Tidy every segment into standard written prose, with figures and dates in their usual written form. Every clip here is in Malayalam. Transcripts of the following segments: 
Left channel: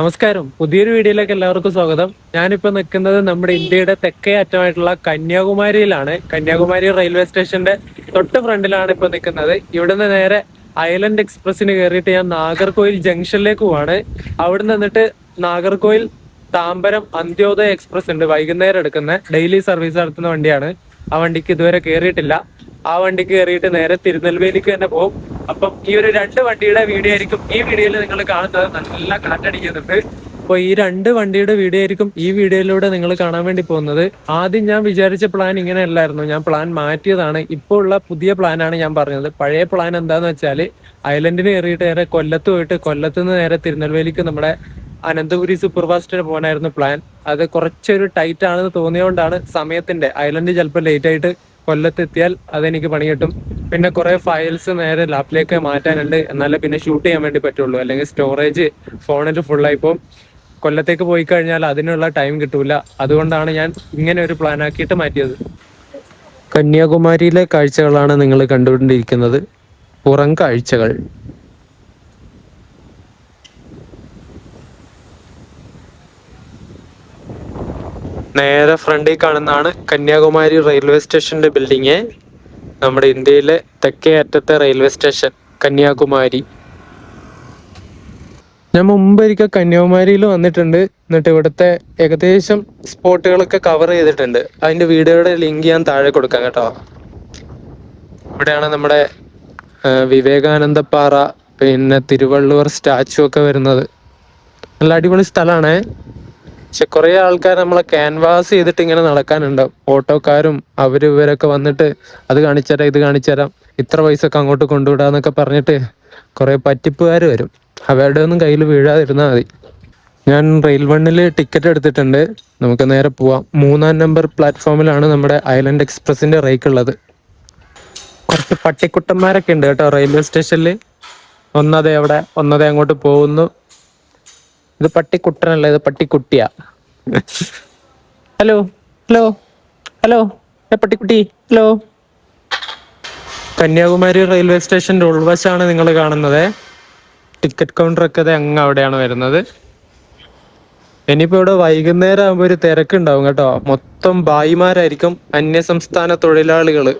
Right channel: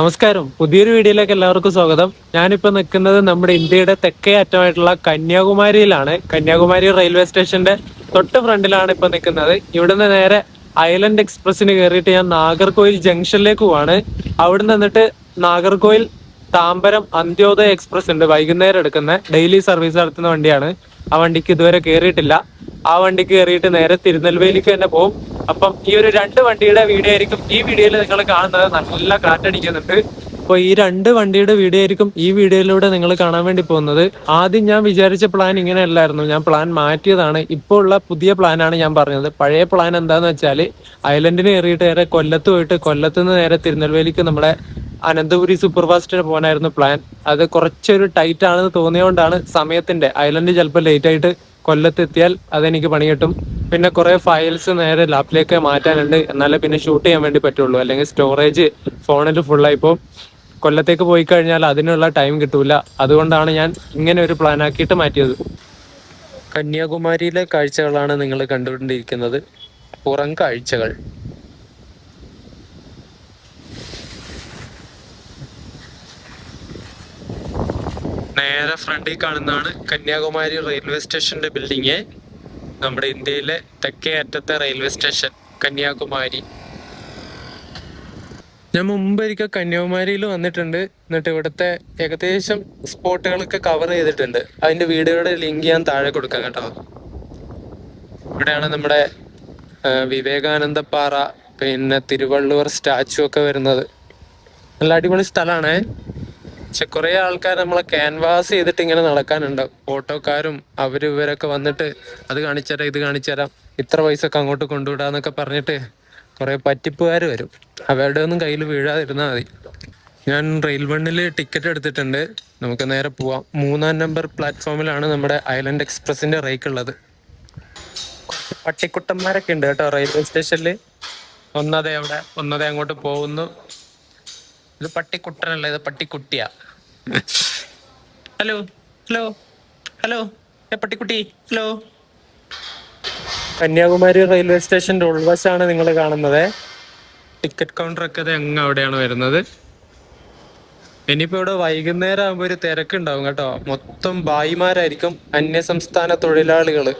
നമസ്കാരം. പുതിയൊരു വീഡിയോയിലേക്ക് എല്ലാവർക്കും സ്വാഗതം. ഞാനിപ്പോ നിൽക്കുന്നത് നമ്മുടെ ഇന്ത്യയുടെ തെക്കേ അറ്റമായിട്ടുള്ള കന്യാകുമാരിയിലാണ്. കന്യാകുമാരി റെയിൽവേ സ്റ്റേഷന്റെ തൊട്ട് ഫ്രണ്ടിലാണ് ഇപ്പൊ നിൽക്കുന്നത്. ഇവിടുന്ന് നേരെ ഐലൻഡ് എക്സ്പ്രസിന് കയറിയിട്ട് ഞാൻ നാഗർകോയിൽ ജംഗ്ഷനിലേക്ക് പോവാണ്. അവിടെ നിന്നിട്ട് നാഗർകോയിൽ താമ്പരം അന്ത്യോദയ എക്സ്പ്രസ് ഉണ്ട്, വൈകുന്നേരം എടുക്കുന്ന ഡെയിലി സർവീസ് നടത്തുന്ന വണ്ടിയാണ്. ആ വണ്ടിക്ക് ഇതുവരെ കയറിയിട്ടില്ല. ആ വണ്ടിക്ക് കയറിയിട്ട് നേരെ തിരുനെൽവേലിക്ക് തന്നെ പോകും. അപ്പം ഈ ഒരു രണ്ട് വണ്ടിയുടെ വീഡിയോ ആയിരിക്കും ഈ വീഡിയോയിൽ നിങ്ങൾ കാണുന്നത്. നല്ല കാറ്റടിക്കുന്നുണ്ട്. അപ്പോൾ ഈ രണ്ട് വണ്ടിയുടെ വീഡിയോ ആയിരിക്കും ഈ വീഡിയോയിലൂടെ നിങ്ങൾ കാണാൻ വേണ്ടി പോകുന്നത്. ആദ്യം ഞാൻ വിചാരിച്ച പ്ലാൻ ഇങ്ങനെ അല്ലായിരുന്നു. ഞാൻ പ്ലാൻ മാറ്റിയതാണ്. ഇപ്പോൾ ഉള്ള പുതിയ പ്ലാനാണ് ഞാൻ പറഞ്ഞത്. പഴയ പ്ലാൻ എന്താന്ന് വെച്ചാൽ ഐലൻഡിന് കയറിയിട്ട് നേരെ കൊല്ലത്ത് പോയിട്ട് കൊല്ലത്ത് നിന്ന് നേരെ തിരുനെൽവേലിക്ക് നമ്മുടെ അനന്തപുരി സൂപ്പർ ഫാസ്റ്റിന് പോകാനായിരുന്നു പ്ലാൻ. അത് കുറച്ചൊരു ടൈറ്റ് ആണെന്ന് തോന്നിയോണ്ടാണ് സമയത്തിന്റെ. ഐലൻഡ് ചിലപ്പോൾ ലേറ്റ് ആയിട്ട് കൊല്ലത്തെത്തിയാൽ അതെനിക്ക് പണി കിട്ടും. പിന്നെ കുറെ ഫയൽസ് നേരെ ലാപ്പിലേക്ക് മാറ്റാനുണ്ട്. എന്നാലേ പിന്നെ ഷൂട്ട് ചെയ്യാൻ വേണ്ടി പറ്റുള്ളൂ. അല്ലെങ്കിൽ സ്റ്റോറേജ് ഫോണിൽ ഫുള്ളായിപ്പോൾ കൊല്ലത്തേക്ക് പോയി കഴിഞ്ഞാൽ അതിനുള്ള ടൈം കിട്ടൂല. അതുകൊണ്ടാണ് ഞാൻ ഇങ്ങനെ ഒരു പ്ലാൻ ആക്കിയിട്ട് മാറ്റിയത്. കന്യാകുമാരിയിലെ കാഴ്ചകളാണ് നിങ്ങൾ കണ്ടുകൊണ്ടിരിക്കുന്നത്. പുറം കാഴ്ചകൾ. നേരെ ഫ്രണ്ടിൽ കാണുന്നതാണ് കന്യാകുമാരി റെയിൽവേ സ്റ്റേഷന്റെ ബിൽഡിങ്. നമ്മുടെ ഇന്ത്യയിലെ തെക്കേ അറ്റത്തെ റെയിൽവേ സ്റ്റേഷൻ കന്യാകുമാരി. ഞാൻ മുമ്പൊരിക്കൽ കന്യാകുമാരിയിൽ വന്നിട്ടുണ്ട്. എന്നിട്ട് ഇവിടുത്തെ ഏകദേശം സ്പോട്ടുകളൊക്കെ കവർ ചെയ്തിട്ടുണ്ട്. അതിന്റെ വീഡിയോയുടെ ലിങ്ക് ഞാൻ താഴെ കൊടുക്കാം കേട്ടോ. ഇവിടെയാണ് നമ്മുടെ വിവേകാനന്ദ പാറ, പിന്നെ തിരുവള്ളുവർ സ്റ്റാച്ചു ഒക്കെ വരുന്നത്. നല്ല അടിപൊളി സ്ഥലമാണ്. പക്ഷെ കുറെ ആൾക്കാർ നമ്മളെ ക്യാൻവാസ് ചെയ്തിട്ട് ഇങ്ങനെ നടക്കാനുണ്ടാവും. ഓട്ടോക്കാരും ഇവരൊക്കെ വന്നിട്ട് അത് കാണിച്ചുതരാം, ഇത് കാണിച്ചുതരാം, ഇത്ര പൈസക്ക് അങ്ങോട്ട് കൊണ്ടുവിടാന്നൊക്കെ പറഞ്ഞിട്ട് കുറെ പറ്റിപ്പുകാർ വരും. അവരുടെ ഒന്നും കയ്യിൽ വീഴാതിരുന്നാൽ മതി. ഞാൻ റെയിൽ വണ്ണില് ടിക്കറ്റ് എടുത്തിട്ടുണ്ട്. നമുക്ക് നേരെ പോവാം. 3-ാം നമ്പർ പ്ലാറ്റ്ഫോമിലാണ് നമ്മുടെ ഐലൻഡ് എക്സ്പ്രസിന്റെ റേക്ക് ഉള്ളത്. കുറച്ച് പട്ടിക്കുട്ടന്മാരൊക്കെ ഉണ്ട് കേട്ടോ റെയിൽവേ സ്റ്റേഷനിൽ. ഒന്നതേ അവിടെ, ഒന്നതേ അങ്ങോട്ട് പോകുന്നു. ഇത് പട്ടിക്കുട്ടനല്ല, ഇത് പട്ടിക്കുട്ടിയാ. ഹലോ ഹലോ ഹലോ, പട്ടിക്കുട്ടി ഹലോ. കന്യാകുമാരി റെയിൽവേ സ്റ്റേഷന്റെ ഉൾവശമാണ് നിങ്ങൾ കാണുന്നത്. ടിക്കറ്റ് കൗണ്ടർ ഒക്കെ അങ്ങ് അവിടെയാണ് വരുന്നത്. ഇനിയിപ്പോ ഇവിടെ വൈകുന്നേരം ആകുമ്പോൾ ഒരു തിരക്കുണ്ടാവും കേട്ടോ. മൊത്തം ഭായിമാരായിരിക്കും, അന്യസംസ്ഥാന തൊഴിലാളികള്.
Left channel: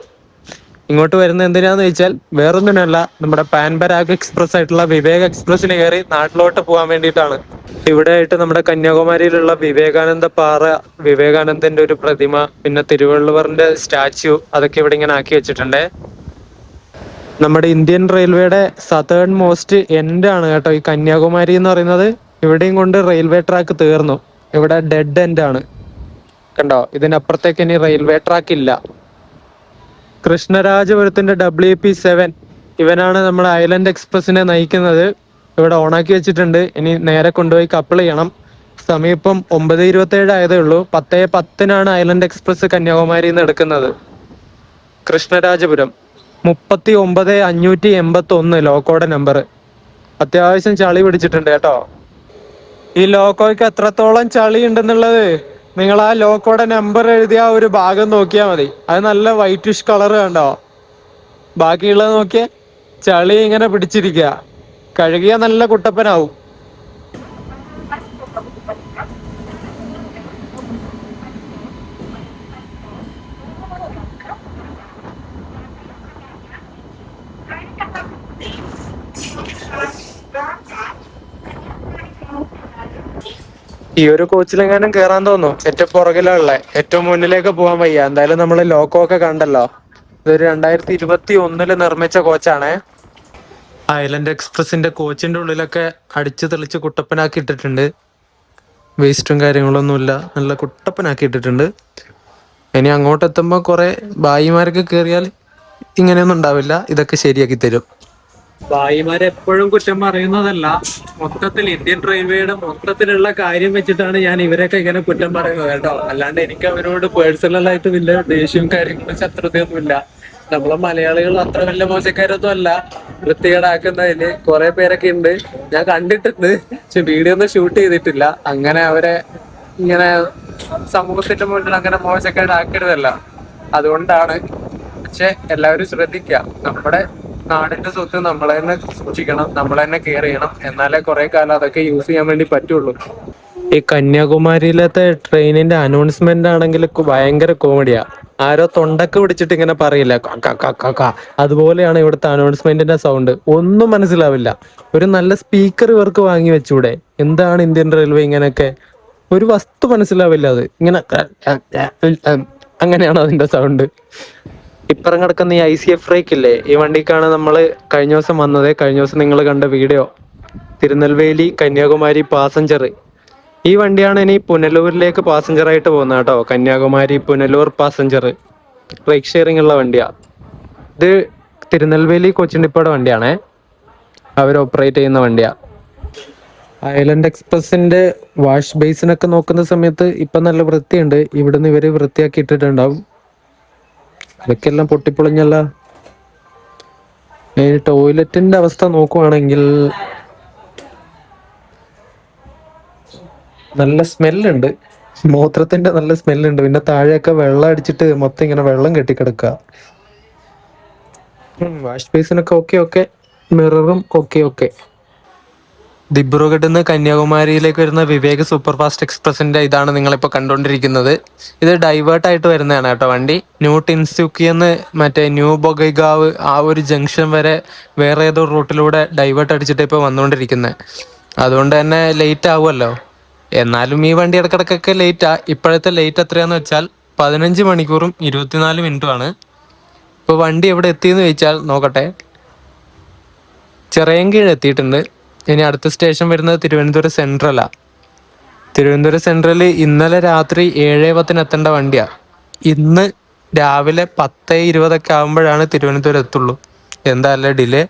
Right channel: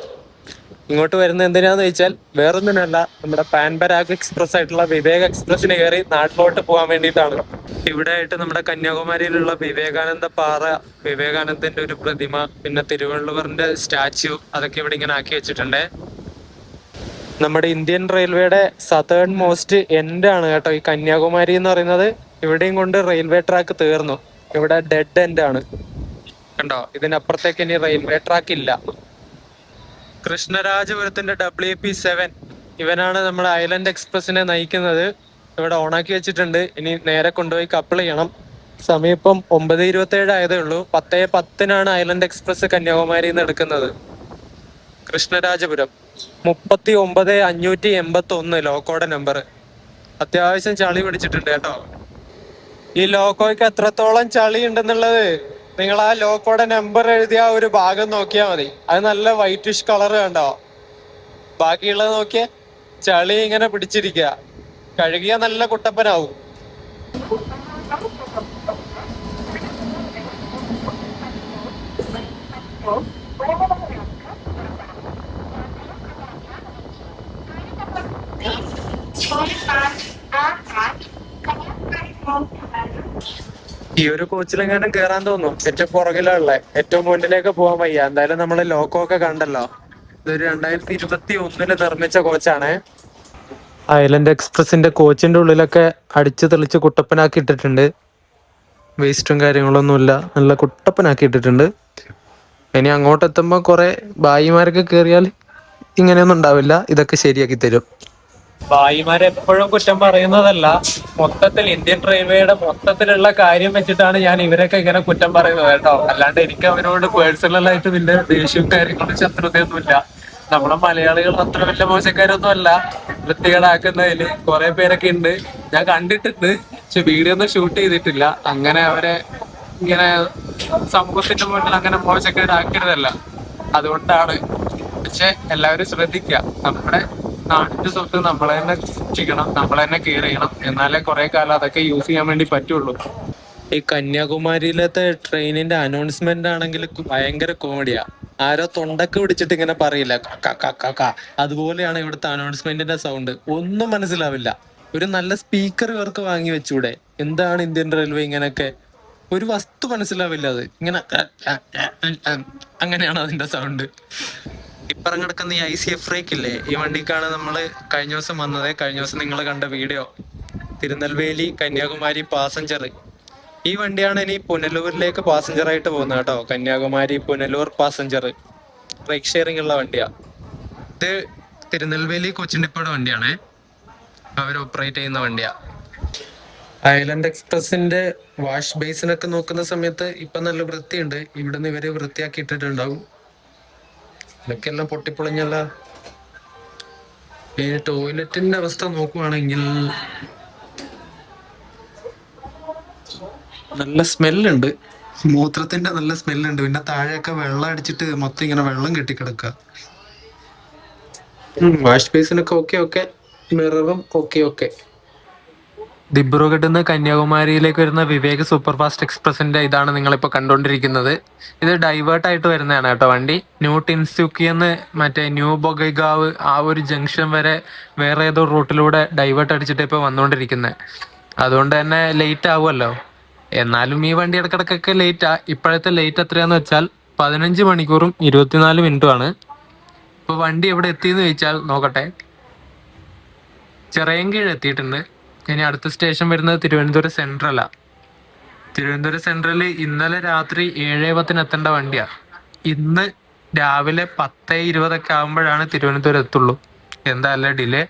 ഇങ്ങോട്ട് വരുന്നത് എന്തിനാന്ന് വെച്ചാൽ വേറൊന്നിനല്ല, നമ്മുടെ പാൻപരാഗ് എക്സ്പ്രസ് ആയിട്ടുള്ള വിവേക് എക്സ്പ്രസിന് കയറി നാട്ടിലോട്ട് പോകാൻ വേണ്ടിയിട്ടാണ്. ഇവിടെ ആയിട്ട് നമ്മുടെ കന്യാകുമാരിയിലുള്ള വിവേകാനന്ദ പാറ, വിവേകാനന്ദന്റെ ഒരു പ്രതിമ, പിന്നെ തിരുവള്ളുവറിന്റെ സ്റ്റാച്യു, അതൊക്കെ ഇവിടെ ഇങ്ങനെ ആക്കി വെച്ചിട്ടുണ്ട്. നമ്മുടെ ഇന്ത്യൻ റെയിൽവേയുടെ സതേൺ മോസ്റ്റ് എൻഡ് ആണ് കേട്ടോ ഈ കന്യാകുമാരി എന്ന് പറയുന്നത്. ഇവിടെയും കൊണ്ട് റെയിൽവേ ട്രാക്ക് തീർന്നു. ഇവിടെ ഡെഡ് എൻഡ് ആണ് കണ്ടോ. ഇതിനപ്പുറത്തേക്ക് ഇനി റെയിൽവേ ട്രാക്ക് ഇല്ല. കൃഷ്ണരാജപുരത്തിന്റെ WP7 ഇവനാണ് നമ്മുടെ ഐലൻഡ് എക്സ്പ്രസിനെ നയിക്കുന്നത്. ഇവിടെ ഓണാക്കി വെച്ചിട്ടുണ്ട്. ഇനി നേരെ കൊണ്ടുപോയി കപ്പിൾ ചെയ്യണം. സമയം ഇപ്പം 9:27 ആയതേ ഉള്ളൂ. 10:10 ഐലൻഡ് എക്സ്പ്രസ് കന്യാകുമാരിയിൽ നിന്ന് എടുക്കുന്നത്. കൃഷ്ണരാജപുരം 39,581 ലോക്കോയുടെ നമ്പർ. അത്യാവശ്യം ചളി പിടിച്ചിട്ടുണ്ട് കേട്ടോ. ഈ ലോക്കോയ്ക്ക് എത്രത്തോളം ചളി ഉണ്ടെന്നുള്ളത് നിങ്ങൾ ആ ലോക്കോയുടെ നമ്പർ എഴുതിയ ഒരു ഭാഗം നോക്കിയാൽ മതി. അത് നല്ല വൈറ്റിഷ് കളർ കണ്ടോ. ബാക്കിയുള്ളത് നോക്കിയേ, ചളി ഇങ്ങനെ പിടിച്ചിരിക്കുക. കഴുകിയ നല്ല കുട്ടപ്പനാവും. ഈ ഒരു കോച്ചിലെങ്ങാനും കേറാൻ തോന്നും. ഏറ്റവും പുറകിലുള്ള, ഏറ്റവും മുന്നിലേക്ക് പോകാൻ വയ്യ. എന്തായാലും നമ്മള് ലോക്കോ ഒക്കെ കണ്ടല്ലോ. ഇതൊരു 2021 നിർമ്മിച്ച കോച്ചാണ്. ഐലൻഡ് എക്സ്പ്രസിന്റെ കോച്ചിന്റെ ഉള്ളിലൊക്കെ അടിച്ചു തെളിച്ച് കുട്ടപ്പനാക്കി ഇട്ടിട്ടുണ്ട്. വേസ്റ്റും കാര്യങ്ങളൊന്നുമില്ല, നല്ല കുട്ടപ്പനാക്കി ഇട്ടിട്ടുണ്ട്. ഇനി അങ്ങോട്ട് എത്തുമ്പോ കുറെ ഭായിമാരൊക്കെ കേറിയാൽ ഇങ്ങനെയൊന്നും ഉണ്ടാവില്ല. ഇതൊക്കെ ശരിയാക്കി തരും. ഭായിമാരെപ്പോഴും കുറ്റം പറയുന്നതല്ല, മൊത്തത്തിൽ ഇന്ത്യൻ റെയിൽവേയുടെ മൊത്തത്തിലുള്ള കാര്യം വെച്ചിട്ടാണ് ഞാൻ ഇവരൊക്കെ ഇങ്ങനെ കുറ്റം പറയുന്നത് കേട്ടോ. അല്ലാണ്ട് എനിക്ക് അവരോട് പേഴ്സണലായിട്ട് വലിയ ദേഷ്യവും കാര്യങ്ങളും ശത്രുതയൊന്നുമില്ല. നമ്മളെ മലയാളികൾ അത്ര വലിയ മോശക്കാരൊന്നും അല്ല. വൃത്തികേടാക്കുന്നതില് കുറെ പേരൊക്കെ ഉണ്ട്, ഞാൻ കണ്ടിട്ടുണ്ട്. പക്ഷെ വീഡിയോ ഒന്നും ഷൂട്ട് ചെയ്തിട്ടില്ല. അങ്ങനെ അവരെ ഇങ്ങനെ സമൂഹത്തിന്റെ മുന്നിൽ അങ്ങനെ മോശക്കാരാക്കരുതല്ല, അതുകൊണ്ടാണ്. പക്ഷെ എല്ലാവരും ശ്രദ്ധിക്കുക, നമ്മുടെ നാടിന്റെ സ്വത്ത് നമ്മൾ തന്നെ സൂക്ഷിക്കണം, നമ്മൾ തന്നെ കെയർ ചെയ്യണം. എന്നാലേ കുറെ കാലം അതൊക്കെ യൂസ് ചെയ്യാൻ വേണ്ടി പറ്റുള്ളൂ. ഈ കന്യാകുമാരിയിലത്തെ ട്രെയിനിന്റെ അനൗൺസ്മെന്റ് ആണെങ്കിൽ ഭയങ്കര കോമഡിയാ. ആരോ തൊണ്ടക്ക് പിടിച്ചിട്ട് ഇങ്ങനെ പറയില്ല, അതുപോലെയാണ് ഇവിടുത്തെ അനൗൺസ്മെന്റിന്റെ സൗണ്ട്. ഒന്നും മനസ്സിലാവില്ല. ഒരു നല്ല സ്പീക്കർ ഇവർക്ക് വാങ്ങി വെച്ചൂടെ? എന്താണ് ഇന്ത്യൻ റെയിൽവേ ഇങ്ങനെയൊക്കെ? ഒരു വസ്തു മനസ്സിലാവില്ല. അത് ഇങ്ങനെ അങ്ങനെയാണ് അതിന്റെ സൗണ്ട്. ഇപ്പറം കിടക്കുന്ന ഈ ICF ഫ്രേക്ക് ഇല്ലേ, ഈ വണ്ടിക്കാണ് നമ്മൾ കഴിഞ്ഞ ദിവസം വന്നത്. കഴിഞ്ഞ ദിവസം നിങ്ങൾ കണ്ട വീഡിയോ, തിരുനെൽവേലി കന്യാകുമാരി പാസഞ്ചർ. ഈ വണ്ടിയാണ് ഇനി പുനലൂരിലേക്ക് പാസഞ്ചർ ആയിട്ട് പോകുന്നത് കേട്ടോ. Kanyakumari Punalur passenger right sharing ഉള്ള വണ്ടിയാ ഇത്. തിരുനെൽവേലി കൊച്ചിൻ ഡിപ്പോയുടെ വണ്ടിയാണേ, അവർ ഓപ്പറേറ്റ് ചെയ്യുന്ന വണ്ടിയാ. ഐലൻഡ് എക്സ്പ്രസിന്റെ വാഷ് ബേസിനൊക്കെ നോക്കുന്ന സമയത്ത് ഇപ്പൊ നല്ല വൃത്തിയുണ്ട്. ഇവിടുന്ന് ഇവര് വൃത്തിയാക്കി ഇട്ടിട്ടുണ്ടാവും. ഇതൊക്കെല്ലാം പൊട്ടിപ്പൊളിഞ്ഞല്ല. ടോയ്ലറ്റിന്റെ അവസ്ഥ നോക്കുവാണെങ്കിൽ നല്ല സ്മെല്ലുണ്ട്, മൂത്രത്തിന്റെ നല്ല സ്മെല്ലുണ്ട്. പിന്നെ താഴെയൊക്കെ വെള്ളം അടിച്ചിട്ട് മൊത്തം ഇങ്ങനെ വെള്ളം കെട്ടിക്കിടക്കുക. വാഷ് ബേസിനൊക്കെ ഓക്കെ, മിററും ഓക്കെ. ദിബ്രുഗഡിൽ നിന്ന് കന്യാകുമാരിയിലേക്ക് വരുന്ന വിവേക് സൂപ്പർ ഫാസ്റ്റ് എക്സ്പ്രസിന്റെ ഇതാണ് നിങ്ങളിപ്പോ കണ്ടുകൊണ്ടിരിക്കുന്നത്. ഇത് ഡൈവേർട്ട് ആയിട്ട് വരുന്നതാണ് കേട്ടോ വണ്ടി. ന്യൂ ടിൻസുക്കിന്ന് മറ്റേ ന്യൂ ബൊഗൈഗാവ് ആ ഒരു ജംഗ്ഷൻ വരെ വേറെ ഏതോ റൂട്ടിലൂടെ ഡൈവേർട്ട് അടിച്ചിട്ട് ഇപ്പോൾ വന്നുകൊണ്ടിരിക്കുന്നത്. അതുകൊണ്ട് തന്നെ ലേറ്റ് ആവുമല്ലോ. എന്നാലും ഈ വണ്ടി ഇടക്കിടക്കൊക്കെ ലേറ്റാ. ഇപ്പോഴത്തെ ലേറ്റ് എത്രയാന്ന് വെച്ചാൽ 15 മണിക്കൂറും 24 മിനിറ്റുമാണ്. ഇപ്പോൾ വണ്ടി എവിടെ എത്തിയെന്ന് ചോദിച്ചാൽ നോക്കട്ടെ. ചിറയൻകീഴ് എത്തിയിട്ടുണ്ട്. ഇനി അടുത്ത സ്റ്റേഷൻ വരുന്നത് തിരുവനന്തപുരം സെൻട്രലാ. തിരുവനന്തപുരം സെൻട്രൽ ഇന്നലെ രാത്രി 7:10 എത്തേണ്ട വണ്ടിയാ. ഇന്ന് രാവിലെ 10:20 ആകുമ്പോഴാണ് തിരുവനന്തപുരം എത്തുള്ളൂ. എന്താ അല്ലേ ഡിലേ.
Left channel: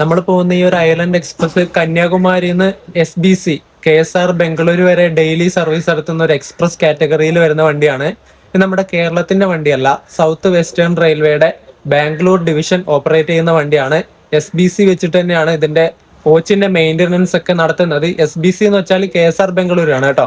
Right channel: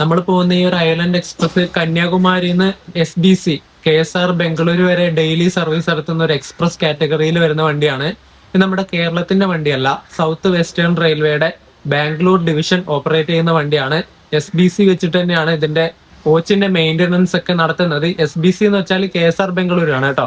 നമ്മൾ പോകുന്ന ഈ ഒരു ഐലൻഡ് എക്സ്പ്രസ് കന്യാകുമാരിന്ന് SBC KSR ബംഗളൂരു വരെ ഡെയിലി സർവീസ് നടത്തുന്ന ഒരു എക്സ്പ്രസ് കാറ്റഗറിയിൽ വരുന്ന വണ്ടിയാണ്. ഇത് നമ്മുടെ കേരളത്തിന്റെ വണ്ടിയല്ല, സൗത്ത് വെസ്റ്റേൺ റെയിൽവേയുടെ ബാംഗ്ലൂർ ഡിവിഷൻ ഓപ്പറേറ്റ് ചെയ്യുന്ന വണ്ടിയാണ്. SBC വെച്ചിട്ട് തന്നെയാണ് ഇതിന്റെ കോച്ചിന്റെ മെയിന്റനൻസ് ഒക്കെ നടത്തുന്നത്. SBC എന്ന് വെച്ചാൽ KSR ബംഗളൂരു ആണ് കേട്ടോ.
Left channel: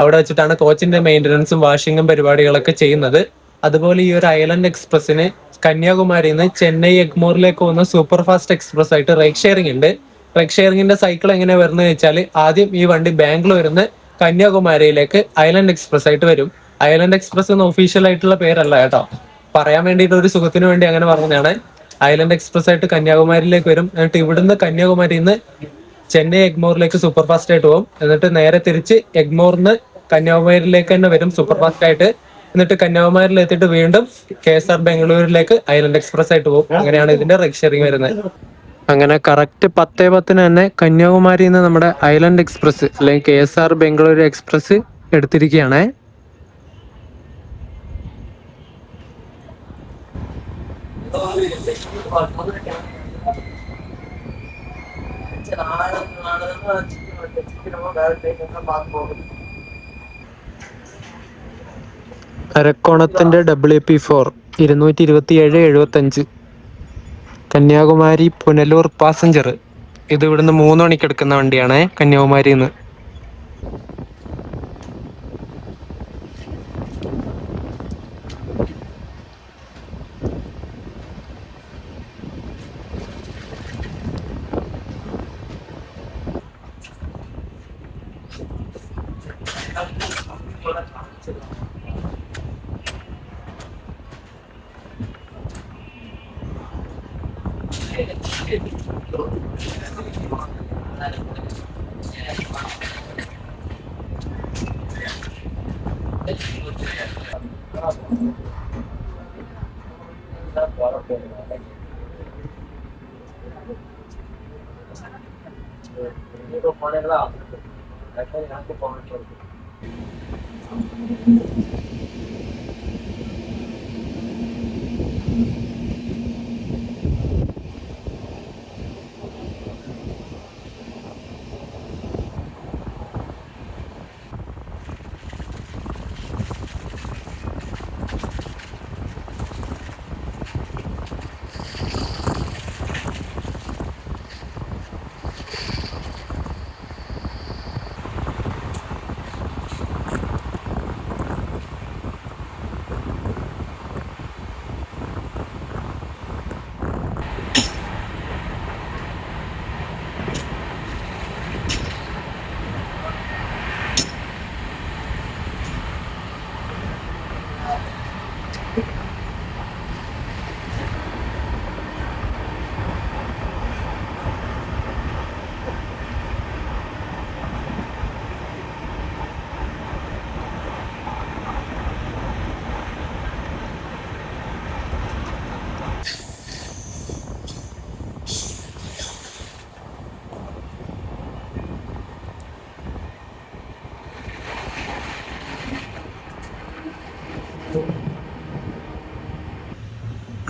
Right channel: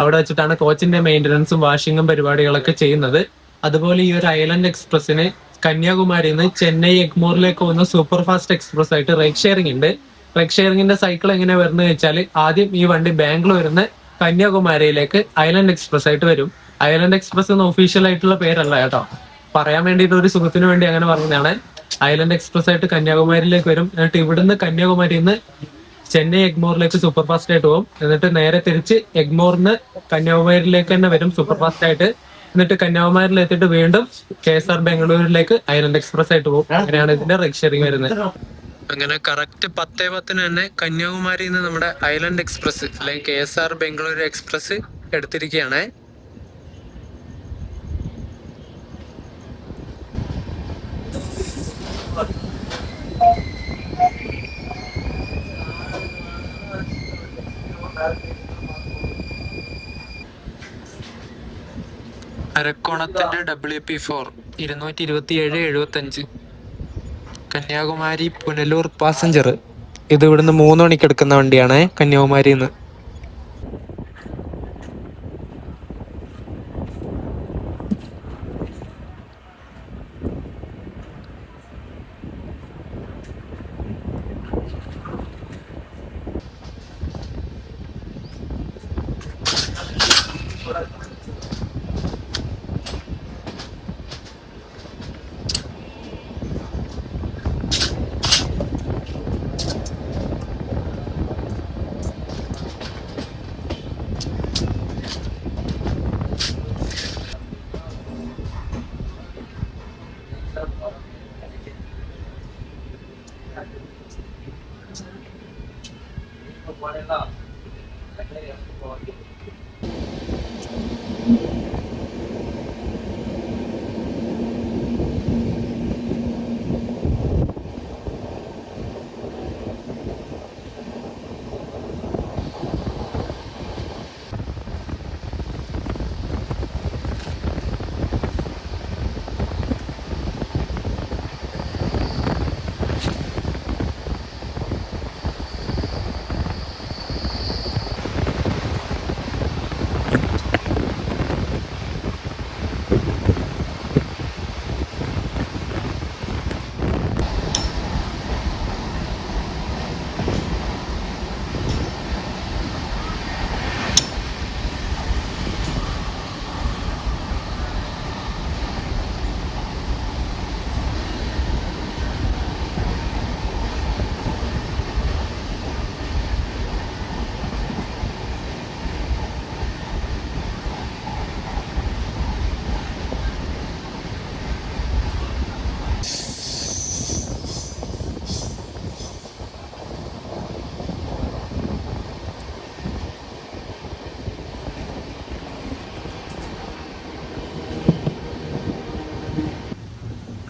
അവിടെ വെച്ചിട്ടാണ് കോച്ചിന്റെ മെയിന്റനൻസും വാഷിങ്ങും പരിപാടികളൊക്കെ ചെയ്യുന്നത്. അതുപോലെ ഈ ഒരു ഐലൻഡ് എക്സ്പ്രസിന് കന്യാകുമാരിയിൽ നിന്ന് ചെന്നൈ എഗ്മോറിലേക്ക് പോകുന്ന സൂപ്പർ ഫാസ്റ്റ് എക്സ്പ്രസ് ആയിട്ട് റൈറ്റ് ഷെയറിംഗ് ഉണ്ട്. റൈറ്റ് ഷെയറിംഗിന്റെ സൈക്കിൾ എങ്ങനെ വരുന്നത് വെച്ചാൽ ആദ്യം ഈ വണ്ടി ബാംഗ്ലൂരിൽ നിന്ന് കന്യാകുമാരിയിലേക്ക് ഐലൻഡ് എക്സ്പ്രസ് ആയിട്ട് വരും. ഐലൻഡ് എക്സ്പ്രസ് എന്ന ഒഫീഷ്യൽ ആയിട്ടുള്ള പേരല്ല കേട്ടോ, പറയാൻ വേണ്ടിയിട്ട് ഒരു സുഖത്തിന് വേണ്ടി അങ്ങനെ പറഞ്ഞതാണ്. ഐലൻഡ് എക്സ്പ്രസ് ആയിട്ട് കന്യാകുമാരിയിലേക്ക് വരും. എന്നിട്ട് ഇവിടുന്ന് കന്യാകുമാരിയിൽ നിന്ന് ചെന്നൈ എഗ്മോറിലേക്ക് സൂപ്പർ ഫാസ്റ്റ് ആയിട്ട് പോകും. എന്നിട്ട് നേരെ തിരിച്ച് എഗ്മോറിന്ന് കന്യാകുമാരിയിലേക്ക് തന്നെ വരും സൂപ്പർ ഫാസ്റ്റ് ആയിട്ട്. എന്നിട്ട് കന്യാകുമാരിയിൽ എത്തിയിട്ട് വീണ്ടും KSR ബംഗളൂരിലേക്ക് ഐലൻഡ് എക്സ്പ്രസ് ആയിട്ട് പോകും. അങ്ങനെയാണ് ഇതിന്റെ റൈറ്റ് ഷെയറിംഗ് വരുന്നത്. അങ്ങനെ കറക്റ്റ് 10:10 തന്നെ കന്യാകുമാരിയിൽ നിന്ന് നമ്മുടെ ഐലൻഡ് എക്സ്പ്രസ് അല്ലെങ്കിൽ KSR ബംഗളൂരു എക്സ്പ്രസ് എടുത്തിരിക്കുകയാണ്. അരക്കോണത്തിന്റെ WP4 227/75 കന്യാകുമാരി പുനലൂർ പാസഞ്ചർ. ഇത് ഇവിടുന്ന് 3 മണിക്ക് എടുക്കുന്ന വണ്ടിയാണ് കന്യാകുമാരിയിൽ നിന്ന്.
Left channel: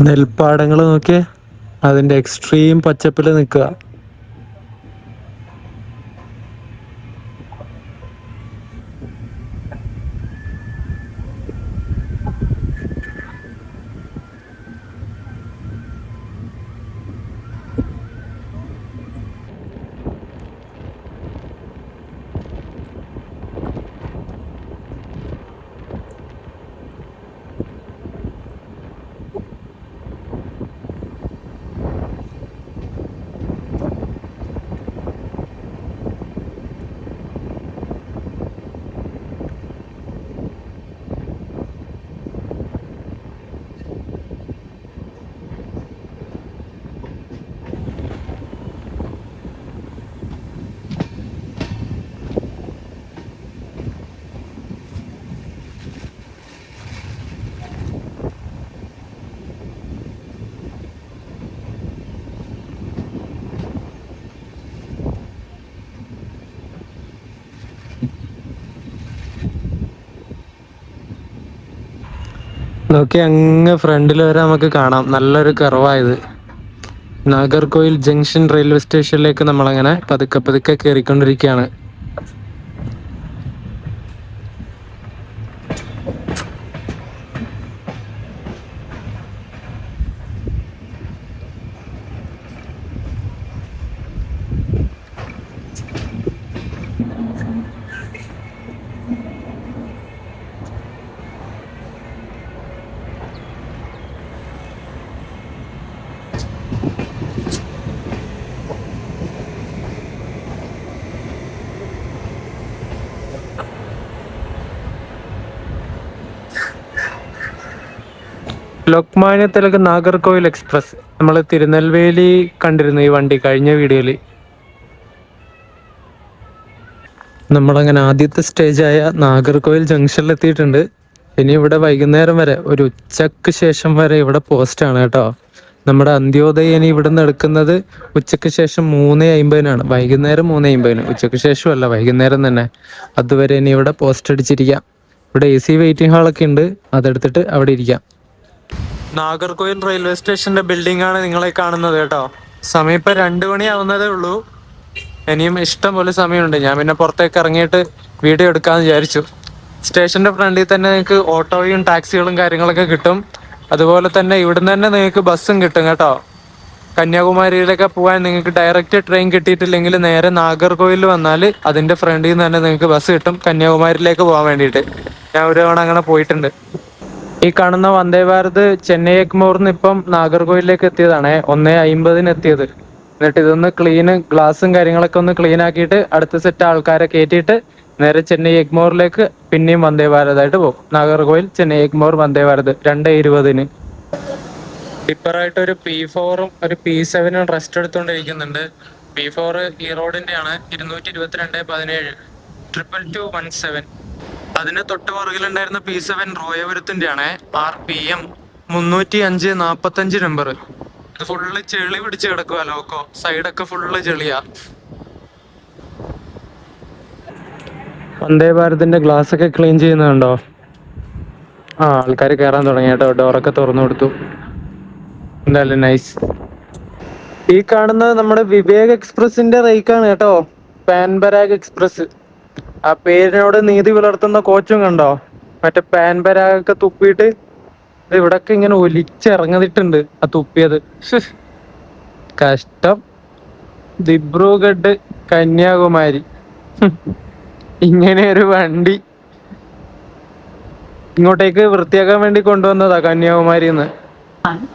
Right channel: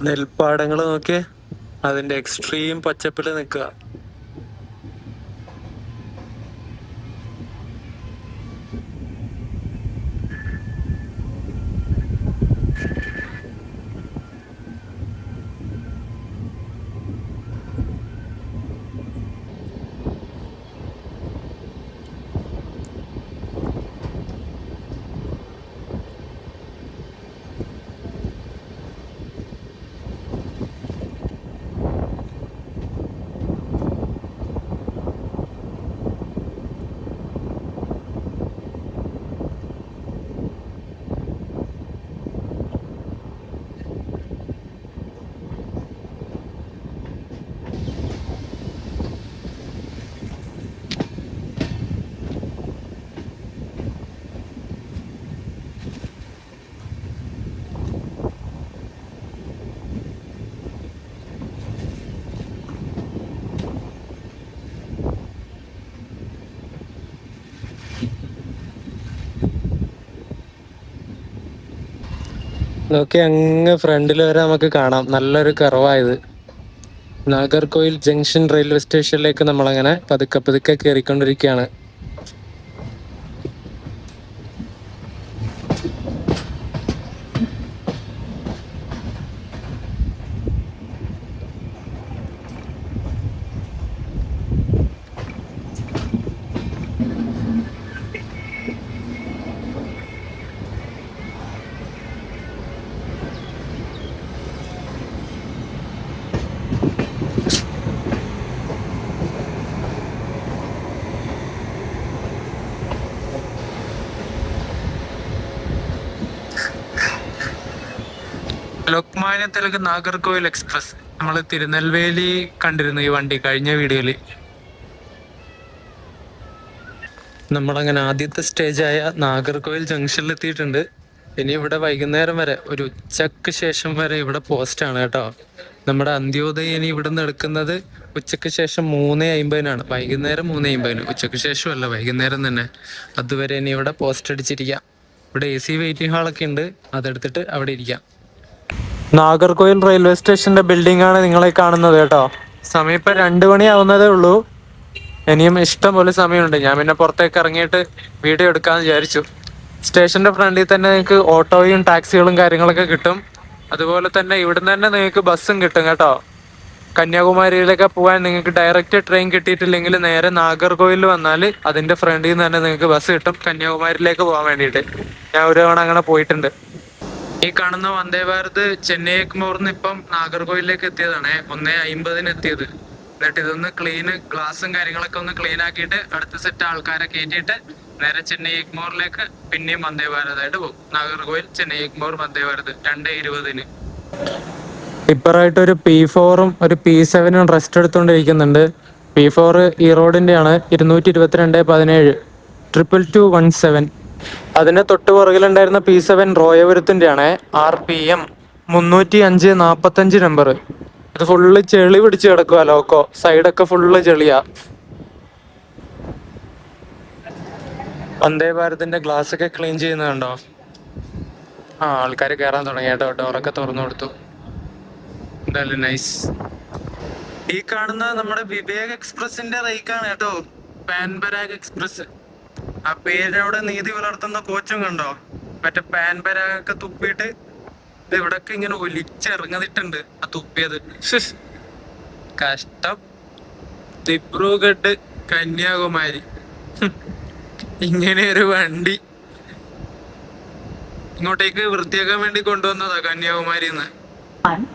നെൽപ്പാടങ്ങൾ നോക്കിയേ, അതിന്റെ എക്സ്ട്രീം പച്ചപ്പിൽ നിൽക്കുക. നോക്കി അങ്ങ് ഫ്രണ്ടിൽ വരെ നമുക്ക് കാണാം, നല്ലൊരു കർവായത്. നാഗർകോയിൽ ജംഗ്ഷൻ റെയിൽവേ സ്റ്റേഷനിലേക്ക് നമ്മളങ്ങനെ പതുക്കെ പതുക്കെ കയറിക്കൊണ്ടിരിക്കുകയാണ്. ലോക്മാന്യ തിലക് നാഗർകോയിൽ എക്സ്പ്രസ്, നമ്മൾ തിരുനെൽവേലി കണ്ടിരുന്നു ഈ വണ്ടി കഴിഞ്ഞ വീഡിയോയില്. നമ്മളങ്ങനെ ആദ്യത്തെ സ്റ്റേജായ നാഗർകോയിൽ ജംഗ്ഷനിൽ എത്തിയിട്ടുണ്ട്. ഇനി ഇവിടെ വൈകുന്നേരം വരെ, ഒരു ഉച്ചക്ക് ശേഷം വരെ ഇവിടെ പോസ്റ്റാണ് കേട്ടോ. നമ്മുടെ അന്ത്യോദയം ഇനി ഇവിടെ നിന്ന് എടുക്കുന്നത് ഉച്ചക്ക് ശേഷം 3:50 വൈകുന്നേരം 3:50. ഉച്ചക്ക് ശേഷമല്ല, വൈകുന്നേരം തന്നെ. അതുവരെ ഇനി ഇവിടെ പോസ്റ്റ് അടിച്ചിരിക്കാം. ഇവിടെ AC വെയിറ്റിംഗ് ഹാളൊക്കെ ഉണ്ട്, അതെടുത്തിട്ട് അവിടെ ഇരിക്കാം. നാഗർകോയിൽ റെയിൽവേ സ്റ്റേഷന്റെ ബിൽഡിംഗ് ആണ് നിങ്ങളെ കാണുന്നത് കേട്ടോ. സമയം ഇപ്പൊ 2 മണിയാവുന്നതേ ഉള്ളൂ. ഇനിയും ഇഷ്ടം പോലെ സമയമുണ്ട്. ഞാൻ പിന്നെ പുറത്തേക്ക് ഇറങ്ങിയിട്ട് വീഡിയോ എടുക്കാന്ന് വിചാരിച്ചു. സ്റ്റേഷന്റെ ഫ്രണ്ടിൽ തന്നെ നിങ്ങൾക്ക് ഓട്ടോയും ടാക്സികളും കാര്യങ്ങളൊക്കെ കിട്ടും. അതുപോലെ തന്നെ ഇവിടുന്ന് തന്നെ നിങ്ങൾക്ക് ബസ്സും കിട്ടും കേട്ടോ. കന്യാകുമാരിയിലൊക്കെ പോകാൻ നിങ്ങൾക്ക് ഡയറക്റ്റ് ട്രെയിൻ കിട്ടിയിട്ടില്ലെങ്കിൽ നേരെ നാഗർകോയിൽ വന്നാൽ അതിന്റെ ഫ്രണ്ടിൽ നിന്ന് തന്നെ നിങ്ങൾക്ക് ബസ് കിട്ടും കന്യാകുമാരിയിലേക്ക് പോകാൻ വേണ്ടിയിട്ട്. ഞാൻ ഒരു തവണ അങ്ങനെ പോയിട്ടുണ്ട്. ഈ കാണുന്ന വന്ദേ ഭാരത് ചെന്നൈ എഗ്മോറിന്ന് ഇപ്പം നാഗർകോയിലേക്ക് എത്തിയതാണ്. 1:50 എത്തിയത്. എന്നിട്ട് ഇതൊന്ന് ഗ്ലാസും കാര്യങ്ങളൊക്കെ ഒന്ന് ക്ലീൻ ആക്കിയിട്ട് അടുത്ത സെറ്റ് ആൾക്കാരെ കയറ്റിയിട്ട് നേരെ ചെന്നൈ എഗ്മോറിലേക്ക് പിന്നെയും വന്ദേ ഭാരതായിട്ട് പോകും. നാഗർകോയിൽ ചെന്നൈ എഗ്മോർ വന്ദേ ഭാരത് 2:20. ഇപ്പറായിട്ട് ഒരു P4ഉം ഒരു P7ഉം റെസ്റ്റ് എടുത്തുകൊണ്ടിരിക്കുന്നുണ്ട്. P4 ഈ റോഡിന്റെ ആണ്, 222-17 22217. അതിന് തൊട്ട് പുറകിലുണ്ടായിരുന്ന P7 റോയപുരത്തിന്റെ ആണ്, RPM 305-45 നമ്പർ. ഇത് ഫുള്ള് ചെളി പിടിച്ച് കിടക്കുക. ലോക്കോ സൈഡൊക്കെ ഫുള്ള് ചെളിയാ. വന്ദേ ഭാരതിന്റെ ഗ്ലാസ് ഒക്കെ ക്ലീൻ ചെയ്യുന്നുണ്ടോ? ആൾക്കാർ കയറാൻ തുടങ്ങി കേട്ടോ. ഡോറൊക്കെ തുറന്നു കൊടുത്തു. എന്തായാലും നൈസ്. ഈ കാണുന്നത് നമ്മുടെ വിവേക് എക്സ്പ്രസിന്റെ റേക്കാണ് കേട്ടോ. പാൻപരാഗ് എക്സ്പ്രസ്. ആ പേരിനോട് നീതി പുലർത്തുന്ന കോച്ചും കണ്ടോ? മറ്റേ പാൻപരാഗൊക്കെ തുപ്പിയിട്ട് ഇത് ഇവിടൊക്കെ ഇങ്ങനെ ഒലിച്ചിറങ്ങിയിട്ടുണ്ട് ആ തുപ്പിയത്. കഷ്ടം. ദിബ്രുഗഡ് കന്യാകുമാരി ഇങ്ങനെ ഒരു വണ്ടി ഇങ്ങോട്ടേക്ക് വൃത്തിയാക്കാൻ വേണ്ടി കൊണ്ടുവന്നതാ കന്യാകുമാരിന്ന്.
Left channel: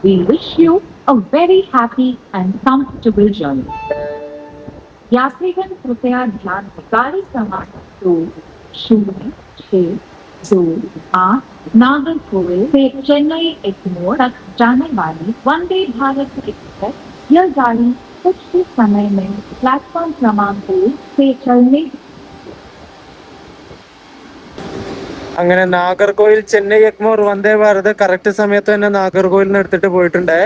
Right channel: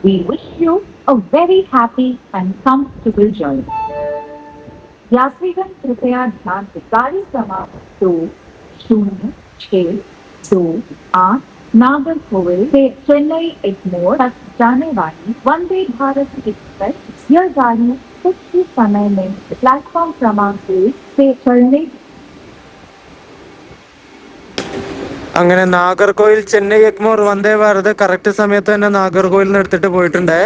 We wish you a very happy and comfortable journey. यात्रीगण कृपया ध्यान दें, गाड़ी क्रमांक 206228 नागरकोविल से चेन्नई एग्मोर तक जाने वाली वंदे भारत एक्सप्रेस, यह गाड़ी कुछ ही समय में प्लेटफॉर्म क्रमांक 1 से चलने. അങ്ങനെ നാഗർകോയിൽ ചെന്നൈ എഗ്മോർ വന്ദേ ഭാരത് കറക്റ്റ് സമയത്ത് തന്നെ നാഗർകോയിൽ നിന്ന് എടുത്തിട്ട് പോയിട്ടുണ്ടേ.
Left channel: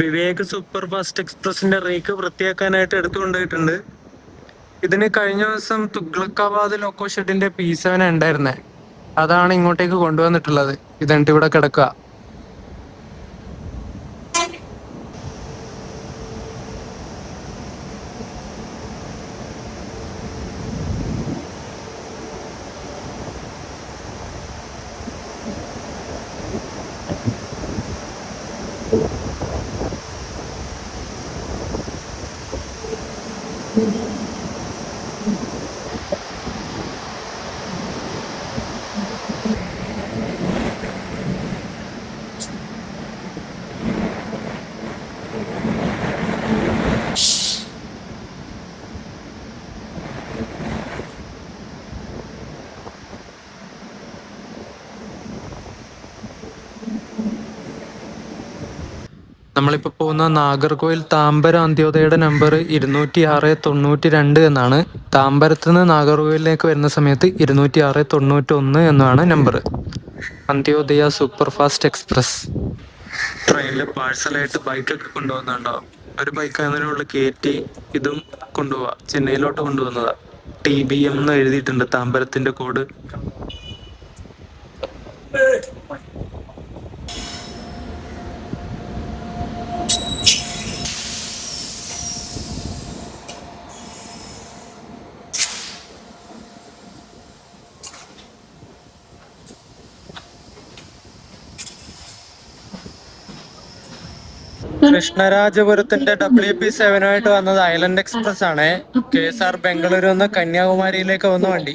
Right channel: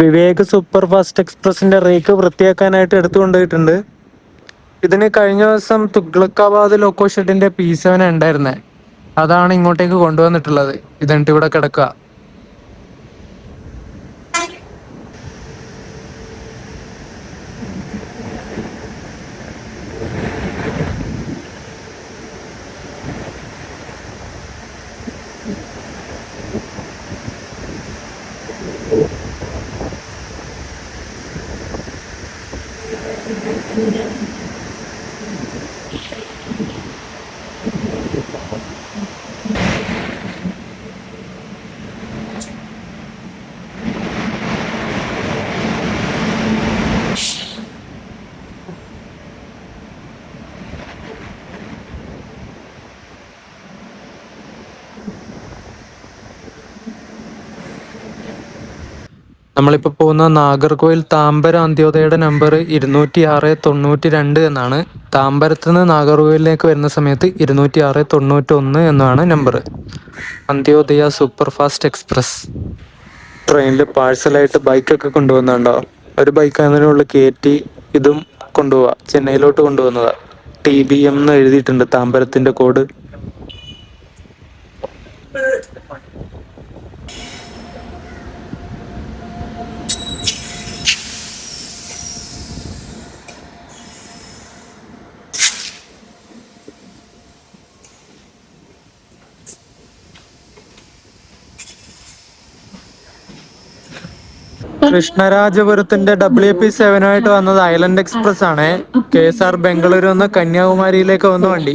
വിവേക് സൂപ്പർ ഫാസ്റ്റ് എക്സ്പ്രസിന്റെ റേക്ക് വൃത്തിയാക്കാനായിട്ട് എടുത്തു കൊണ്ടുപോയിട്ടുണ്ട്. ഇതിന് കഴിഞ്ഞ ദിവസം തുഗ്ലക്കാബാദ് ലോക്കോ ഷെഡിന്റെ P7 ഉണ്ടായിരുന്നേ, അതാണ് ഇങ്ങോട്ടേക്ക് കൊണ്ടുവന്നിട്ടുള്ളത്. ഇതെന്നിട്ട് ഇവിടെ കിടക്കുക. നമ്മളിപ്പോൾ പോകുന്ന നാഗർകോയിൽ താമ്പരം അന്ത്യോദയയുടെ നമ്പർ 20692 എന്നാണ്. താമ്പരത്ത് നിന്ന് നാഗർകോയിലിലേക്ക് വരുന്ന സമയത്ത് 20691 എന്നാണ് number. Antyodaya super fast express ട്രെയിനിൽ പാഴ്സലായിട്ട് ബൈക്കൊക്കെ കൊണ്ടുവന്നുണ്ടോ? ഒരു ബൈക്ക് അതിനുള്ളിൽ കയറ്റി ഇതും കൊണ്ടുപോവാ. ചെന്നൈയിലോട്ട് കൊണ്ടുവന്നതാ. TBM എന്ന് എഴുതിയിട്ടുണ്ട് താമ്പരത്തിന്റെ കോഡ്. കൃഷ്ണരാജപുരത്തിന്റെ WP7 ആയിട്ട് വന്നത് ഐലൻഡ് എക്സ്പ്രസ് ആണ്. KSR ബംഗളൂരു നിന്ന് കന്യാകുമാരിയിലേക്ക് വന്ന വണ്ടി.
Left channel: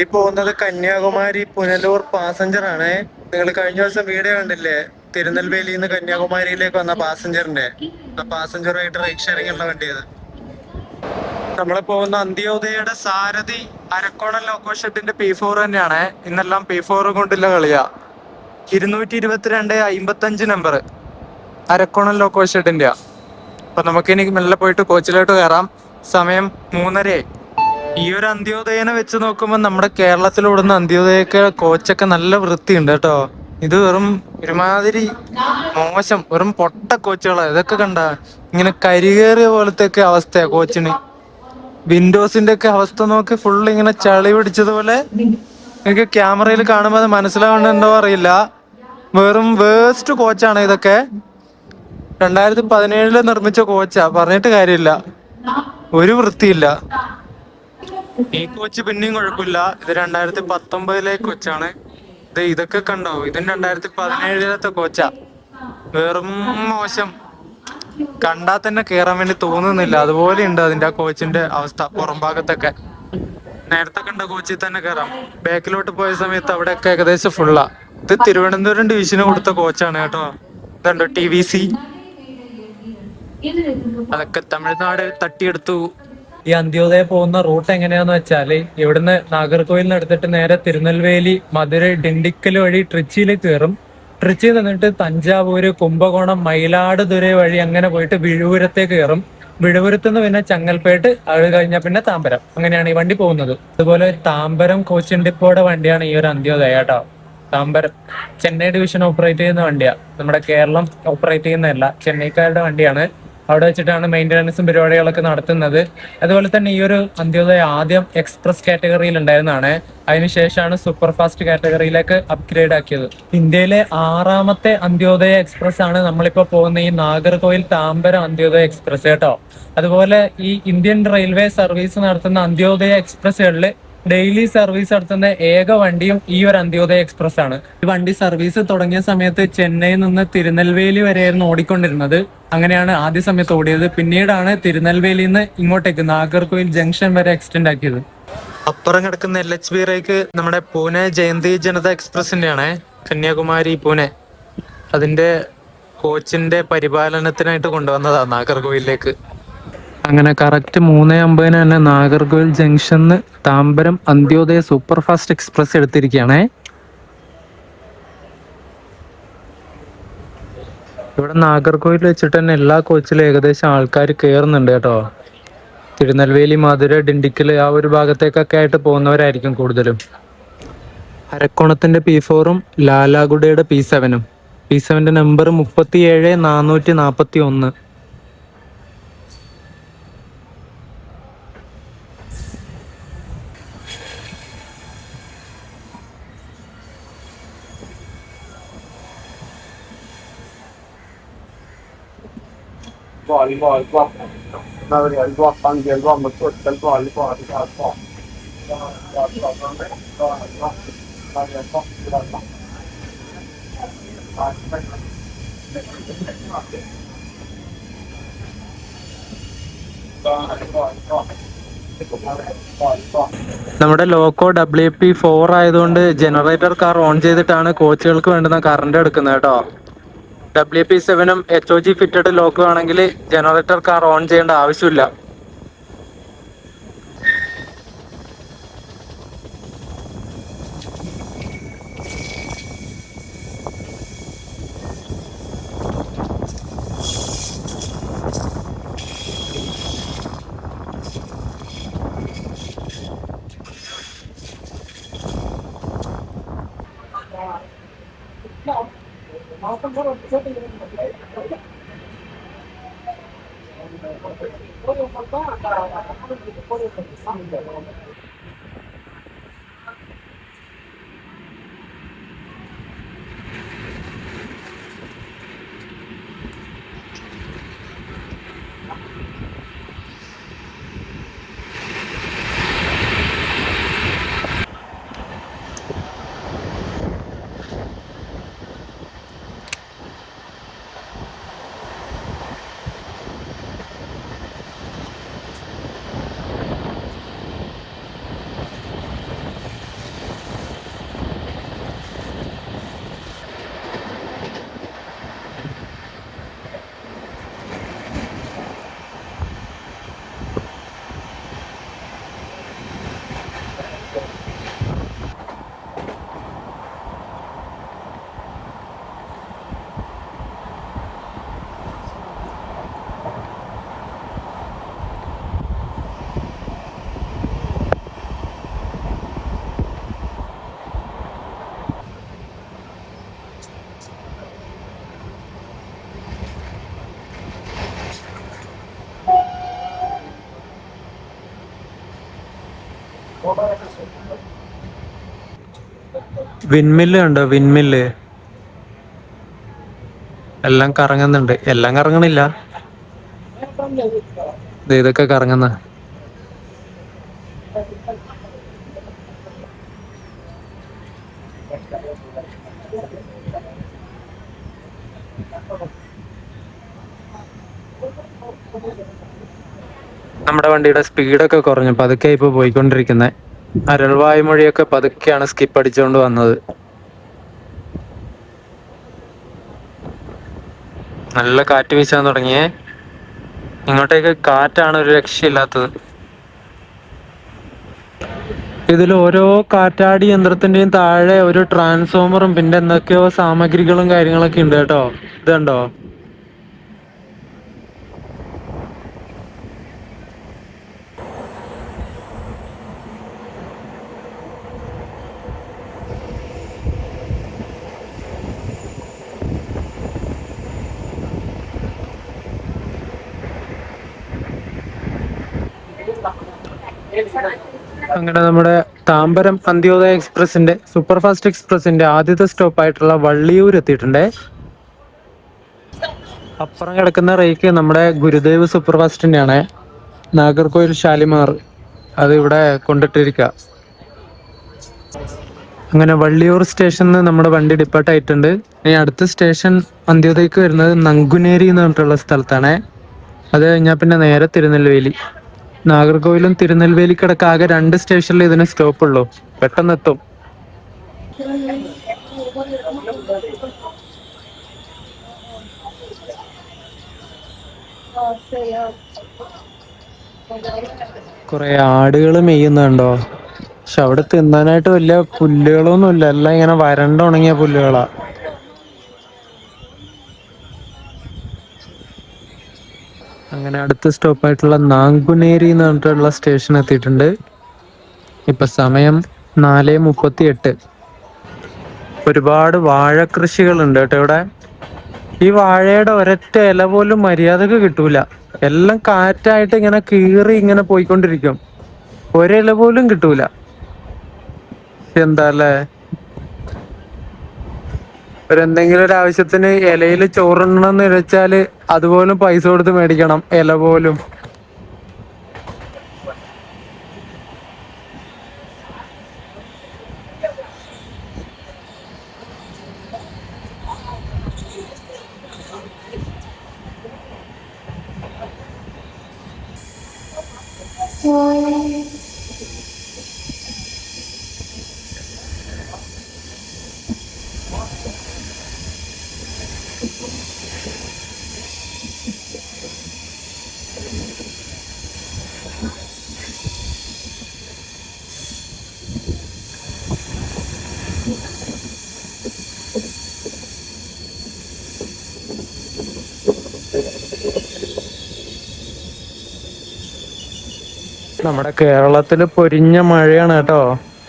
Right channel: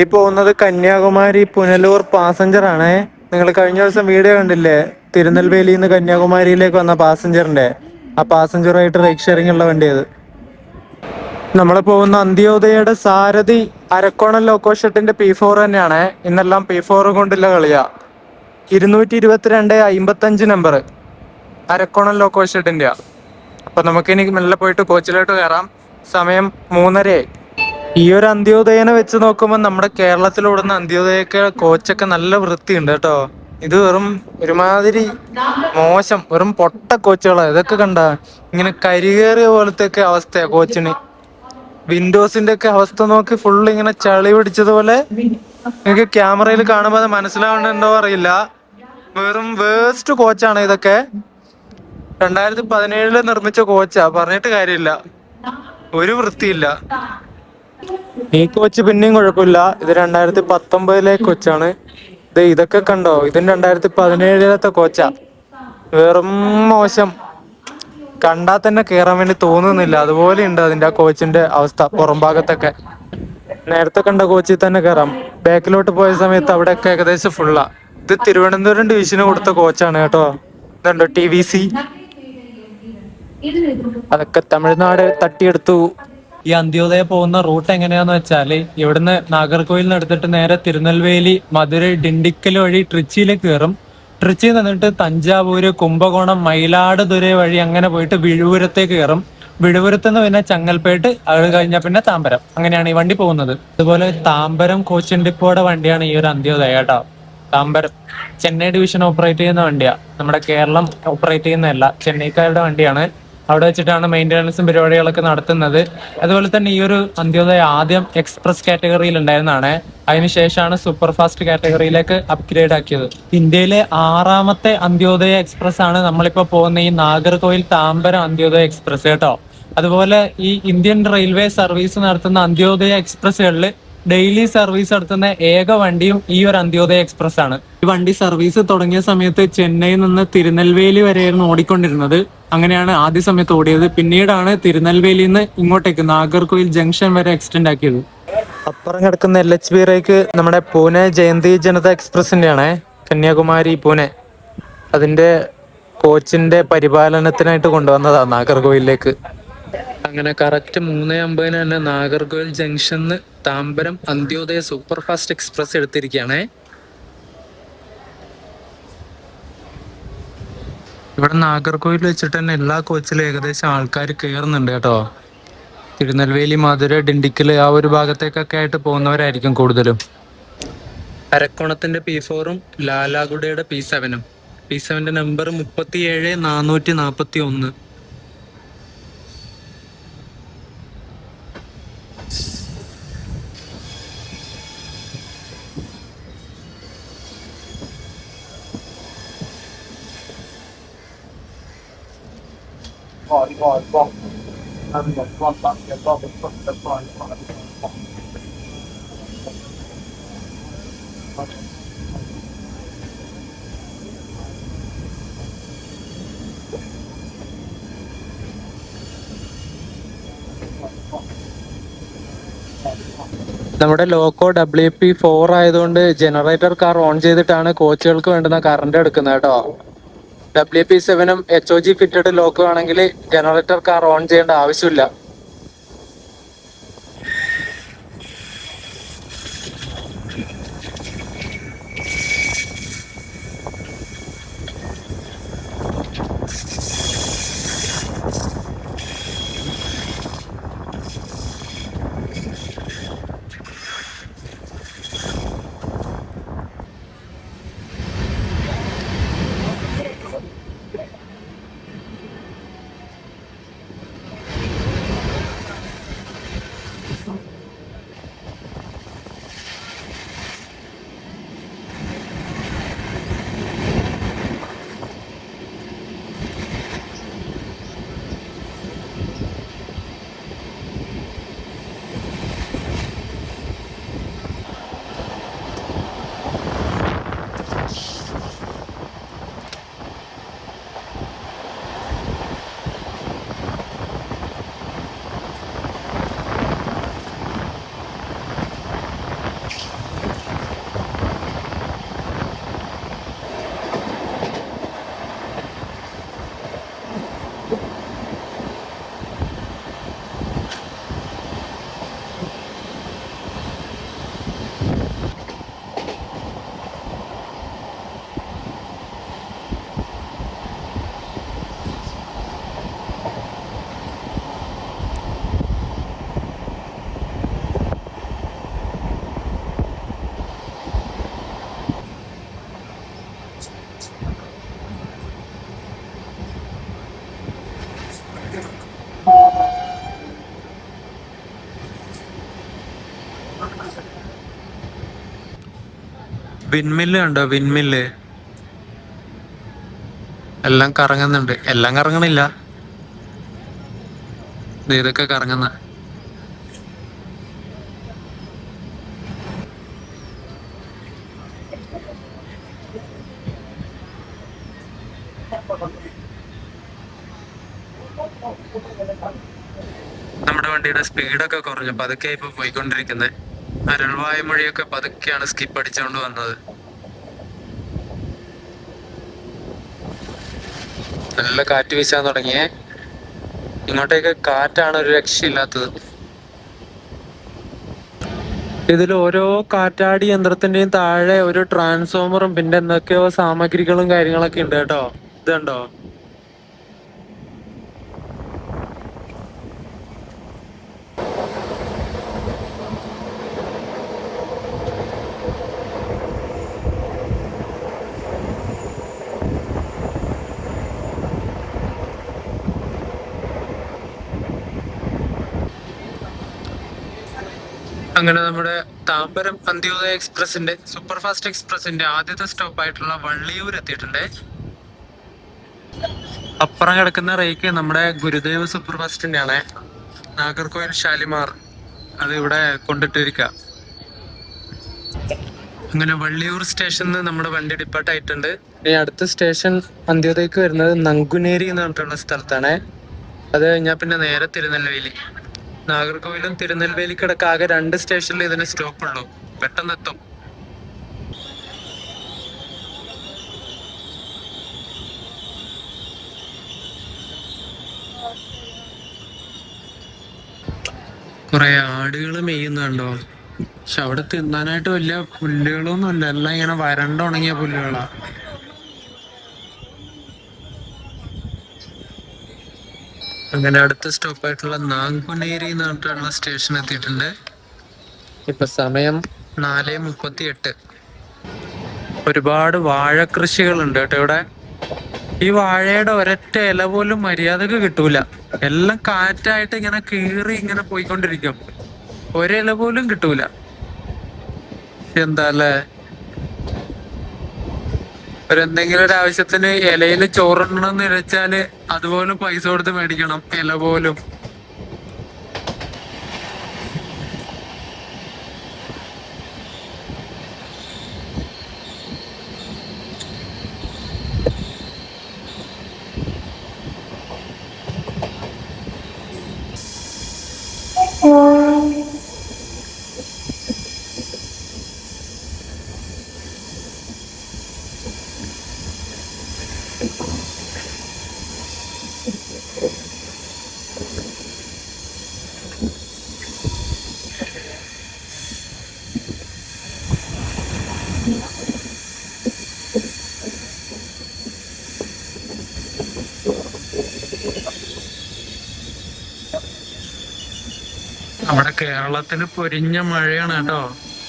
ഈ പോകുന്നത് കന്യാകുമാരി പുനലൂർ പാസഞ്ചർ ആണ്. നിങ്ങൾ കഴിഞ്ഞ ദിവസം വീഡിയോ കണ്ടില്ലേ, തിരുനെൽവേലിയിൽ നിന്ന് കന്യാകുമാരിയിലേക്ക് വന്ന പാസഞ്ചറിന്റെ? ആ പാസഞ്ചറുമായിട്ട് റൈഡ് ഷെയറിംഗ് ഉള്ള വണ്ടി അത്. നമ്മൾ പോകുന്ന അന്ത്യോദയയുടെ സാരഥി അരക്കോണൽ ലോക്കോ ഷെഡിന്റെ P4 തന്നെയാണ്. ഇന്നെല്ലാം P4 കൊണ്ടുള്ള കളിയാ. 222-55 നമ്പർ അരക്കോണൽ ലോക്കോ ഷെഡിന്റെ. അപ്പൊ നമുക്കിനി മെല്ലെ പോയിട്ട് കോച്ചിലോട്ട് കയറാം. സമയം 3:30. ഈ ഒരു അന്ത്യോദയനെ വെച്ച് നോക്കുമ്പോൾ നമ്മുടെ കേരളത്തിലോടുന്ന അന്ത്യോദയൊക്കെ കോച്ചൊക്കെ നല്ല വൃത്തിയുണ്ട് കേട്ടോ. ഇത് വെറും ഒരുമാതിരി മോശം, വെറും പൊട്ട കോച്ചുകളാണ്. ഇതൊക്കെ കണ്ട ഇങ്ങനെ കരികേറിയ പോലത്തെ ഒക്കെ അവസ്ഥയാ കോച്ചിന്. വിൻഡോസിന്റെ ഒക്കെ അവസ്ഥ നോക്കി, ഫുള്ള് ഇങ്ങനെ ചളി പിടിച്ചതുപോലെ. എനിക്ക് ക്യാമറയിൽ കാണുമ്പോൾ അത് മനസ്സിലാവുന്നുണ്ടോ അറിയില്ല. വെറും വേസ്റ്റ് കോച്ചാണ് ഇതൊക്കെ. 2017 നിർമ്മിച്ച കോച്ചാ, പറഞ്ഞിട്ട് കാര്യമില്ല. ഒരു വൃത്തിയില്ല. ഈ കോച്ച് പിന്നെയും കുഴപ്പമില്ല. ഇത് 2019 കോച്ചാണ്. ഇതൊക്കെ കണ്ടോ, ഇതും 2017 കോച്ചാ. വെറും മോശം. കണ്ടാൽ തന്നെ കേറാൻ വേണ്ടി തോന്നുന്നില്ല. അതുപോലെ ഉണ്ട് അതിന്റെ ആ കോച്ചിന്റെ അവസ്ഥ. പുറം ഭാഗത്തൊക്കെ നേരത്തെ കണ്ട കോച്ചിൽ തന്നെ കയറാം. ബാക്കിലോട്ട് പോയ സമയത്ത് അവിടെയൊക്കെ ഏകദേശം ഫുള്ളാ. ഇത് തിരുവനന്തപുരം ഡിവിഷന് കൊടുത്ത കോച്ചാണ് കേട്ടോ. ഇതുണ്ടോ TVC, അതൊക്കെ തമിഴ്നാട് തട്ടിയെടുത്തു. ഈ അന്ത്യോദയ പോകുന്ന റൂട്ട് എങ്ങനെയാന്ന് വെച്ചാല്, ഇവിടുന്ന് നാഗർകോയിൽ നിന്ന് എടുത്തിട്ട് നേരെ തിരുനെൽവേലി, മധുരൈ, ഡിണ്ടിക്കൽ വഴി ട്രിച്ചിയിലേക്ക് കയറും. ട്രിച്ചിയിൽ നിന്നിട്ട് തഞ്ചാവൂര്, കുംഭകോണം, മയിലാടുതുറൈ വഴി അങ്ങനെ പോയിട്ട് വിഴുപുരത്തേക്ക് കയറും. വിഴുപുരത്ത് നിന്ന് പിന്നെ ചങ്ങൽപേട്ട്, അത് കഴിഞ്ഞാൽ പിന്നെ താമ്പരം. അങ്ങനെയാണ് ഈ വണ്ടി പോകുന്നത്. അതുപോലെ താമ്പരം കോച്ചിൻ ഡിപ്പോയുടെ വണ്ടിയാണ് ഈ ഒരു അന്ത്യോദയ കേട്ടോ. താമ്പരം ചെന്നൈ ഡിവിഷൻ ഓപ്പറേറ്റ് ചെയ്യുന്ന വണ്ടിയാ. നമ്മുടെ കേരളം ഓപ്പറേറ്റ് ചെയ്യുന്നതല്ല, ചെന്നൈക്കാരുടെ വണ്ടിയാണ്. അവിടെ വെച്ചിട്ടാണ് മെയിൻ്റനൻസും പരിപാടികളൊക്കെ നടത്തുന്നത്. അതുപോലെ തന്നെ ഈ ഒരു അന്ത്യോദയ ആദ്യം എക്സ്പ്രസ് കാറ്റഗറിയിൽ ഉണ്ടായിരുന്നതാണ്. അതിനുശേഷമാണ് സൂപ്പർ ഫാസ്റ്റ് കാറ്റഗറിയിലേക്ക് അപ്ഗ്രേഡ് ആക്കിയത്. ഇന്ത്യയിലെ 6ാമത്തെ അന്ത്യോദയ എക്സ്പ്രസ് ആണ് നമ്മളിപ്പോ പോകുന്ന ഈ നാഗർകോയിൽ താമ്പരം അന്ത്യോദയ എക്സ്പ്രസ് കേട്ടോ. അതുപോലെ ഈ ഇന്ത്യൻ റെയിൽവേ സർവീസ് നടത്തുന്ന അന്ത്യോദയ എക്സ്പ്രസ്സുകളിൽ ഡെയിലി സർവീസ് നടത്തുന്ന ഏക വണ്ടിയും ഈ ഒരു അന്ത്യോദയ എക്സ്പ്രസ് ആണ്. ഈ വണ്ടി സർവീസ് തുടങ്ങിയ സമയത്ത് ചെന്നൈയിൽ നിന്ന് തിരുനെൽവേലി വരെയായിരുന്നു ഓടിക്കൊണ്ടിരുന്നത്. അങ്ങനെയാണ് ആദ്യ സമയത്ത് ഓടിയത്. പിന്നീടാണ് തിരുനെൽവേലിയിൽ നിന്ന് ഇങ്ങോട്ടേക്ക് നാഗർകോയിൽ ജംഗ്ഷൻ വരെ എക്സ്റ്റെൻഡ് ആക്കിയത്. അപ്പുറം കിടക്കുന്ന LHB റേക്ക് നമ്മുടെ പൂനെ ജയന്തി ജനത എക്സ്പ്രസിന്റെ ആണ്. കന്യാകുമാരി പൂനെ, അതിന്റെ കോച്ചിന്റെ പരിപാലനത്തിനായിട്ട് കൊണ്ടുവന്നതാണ് നാഗർകോയിലേക്ക്. അങ്ങനെ കറക്റ്റ് 3:50 തന്നെ നാഗർകോയിൽ ജംഗ്ഷന്ന് Tambaram Antyodaya super fast express എടുത്തിരിക്കുകയാണേ. ഇവിടെ നാഗർകോവിൽ വെച്ചിട്ട് തന്നെ എല്ലാ കോച്ചിലും ഏകദേശം ആൾക്കാർ കയറുന്നുണ്ട് കേട്ടോ. തിരുനെൽവേലി, മധുര, ഡിണ്ടിക്കൽ ആ ഒരു ഭാഗത്തേക്കൊക്കെ ആയിട്ട് പോകുന്നവരായിരിക്കും കൂടുതലും. അരക്കോണത്തിന്റെ P4ഉം ലാലാഗുഡയുടെ P7ഉം. P7ന്റെ നമ്പർ 37,441. നമ്മുടെ ലോക്കോ WP4 ആയതുകൊണ്ട് ജനറേറ്റർ കാർ ഓൺ ചെയ്തിട്ടാണ് കോച്ചുകൾക്ക് വേണ്ടുന്ന കറണ്ട് എടുക്കുന്നത് കേട്ടോ. WP7ഉം HOG ഫിറ്റഡ് ലോക്കും ആണെങ്കിൽ ജനറേറ്റർ കാർ ഓൺ ചെയ്യേണ്ട ആവശ്യമില്ല. വിൻമില്ല് കണ്ടോ, വിൻമില്ല് എല്ലാം കറങ്ങുന്നുണ്ട്. എല്ലാം കറങ്ങണില്ല, ഇതൊക്കെ കറങ്ങുന്ന. നമ്മുടെ വണ്ടിയുടെ സ്പീഡൊക്കെ കുറഞ്ഞു, പതുക്കെ ഇപ്പൊ പോയിക്കൊണ്ടിരിക്കുന്നത്. അരൾവായ്മൊഴിയൊക്കെ പതുക്കെയാണ് സ്കിപ്പ് അടിച്ചുകൊണ്ട് വന്നത്. നല്ല കാറ്റ് വീശാൻ തുടങ്ങിയേ. ഇങ്ങോട്ടേക്ക് കാറ്റാണ് ഒരു രക്ഷയില്ലാത്തത്. ഇതിൽ ഓരോ കാറ്റാടി യന്ത്രത്തിന്റെയും താഴെ ഒരു ട്രാൻസ്ഫോമറും പിന്നെ എന്തൊക്കെയോ സാമഗ്രികളും കാര്യങ്ങളൊക്കെ ഉണ്ട് കേട്ടോ. ഇത് കണ്ടോ? അങ്ങനെ നമ്മുടെ താമ്പരം അന്ത്യോദയ എക്സ്പ്രസിന്റെ സൂപ്പർ ഫാസ്റ്റ് എക്സ്പ്രസിന്റെ ആദ്യത്തെ സ്റ്റോപ്പ് ആയിട്ടുള്ള വള്ളിയൂർ എത്തിയിട്ടുണ്ടേ. അപ്പുറം കിടക്കുന്ന റേക്ക് നമ്മുടെ ഗുരുദേവ് സൂപ്പർ ഫാസ്റ്റിന്റെ ആണ്. നാഗർകോയിൽ ഷാലിമാർ അത് ഇവിടെ കൊണ്ടിട്ടിരിക്കുക. അങ്ങനെ വള്ളിയൂർ സ്റ്റേഷനിൽ നമ്മുടെ വണ്ടി ഡിപ്പാർട്ട് ആയിട്ടുണ്ട്. ഇനി അടുത്ത സ്റ്റേഷൻ അന്ത്യോദയക്ക് വരുന്നത് നങ്കുനേരി എന്ന് പറഞ്ഞിട്ടുള്ള സ്ഥലത്താണ്. അത് കഴിഞ്ഞാൽ പിന്നെ നേരെ തിരുനെൽവേലി. നാഗർകോവിലും തിരുനെൽവേലിക്കിടക്ക് ആകെ 2 സ്റ്റേഷനിൽ ഇതിന് സ്റ്റോപ്പ് ഉള്ളൂ. പെട്ടെന്ന് എത്തും. കുറെ ആടുകൾ മെയ്യുന്നുണ്ടോ? പക്ഷെ അവിടെ തിന്നാനായിട്ട് വലിയ പുല്ലുകളൊന്നും ഇല്ല, എല്ലാം ഇങ്ങനെ വരണ്ട ഉണങ്ങിയ പുല്ലുകളാ. അങ്ങനെ അടുത്ത സ്റ്റോപ്പായിട്ടുള്ള നാങ്കുനേരി എന്ന് പറഞ്ഞിട്ടുള്ള സ്റ്റേഷൻ എത്തിയിട്ടുണ്ട്. ഇപ്പൊ സമയം 4:38. ഒരുപാട് വാഴ കൃഷികളുണ്ട് കേട്ടോ ഇവിടെ. ഈ വാഴയുടെ ഒരൊറ്റ ഇല പോലും മര്യാദക്ക് കിട്ടൂല. എല്ലാം കാറ്റായിട്ട് ഇങ്ങനെ കീറി ഇങ്ങനെ പോയിക്കൊണ്ടിരിക്കും. ഒരില പോലും കിട്ടൂല. എന്താ അല്ലേ, എന്തെങ്കിലും ഒരു ആവശ്യത്തിന് ഇലയിൽ ചോറുണ്ടെന്ന് വെച്ചാല് അതുപോലും പൈസ കൊടുത്ത് മേടിക്കണം, ഇല പോലും. നമ്മുടെ കേരളത്തില് പൊരിഞ്ഞ മഴയാണ് കേട്ടോ.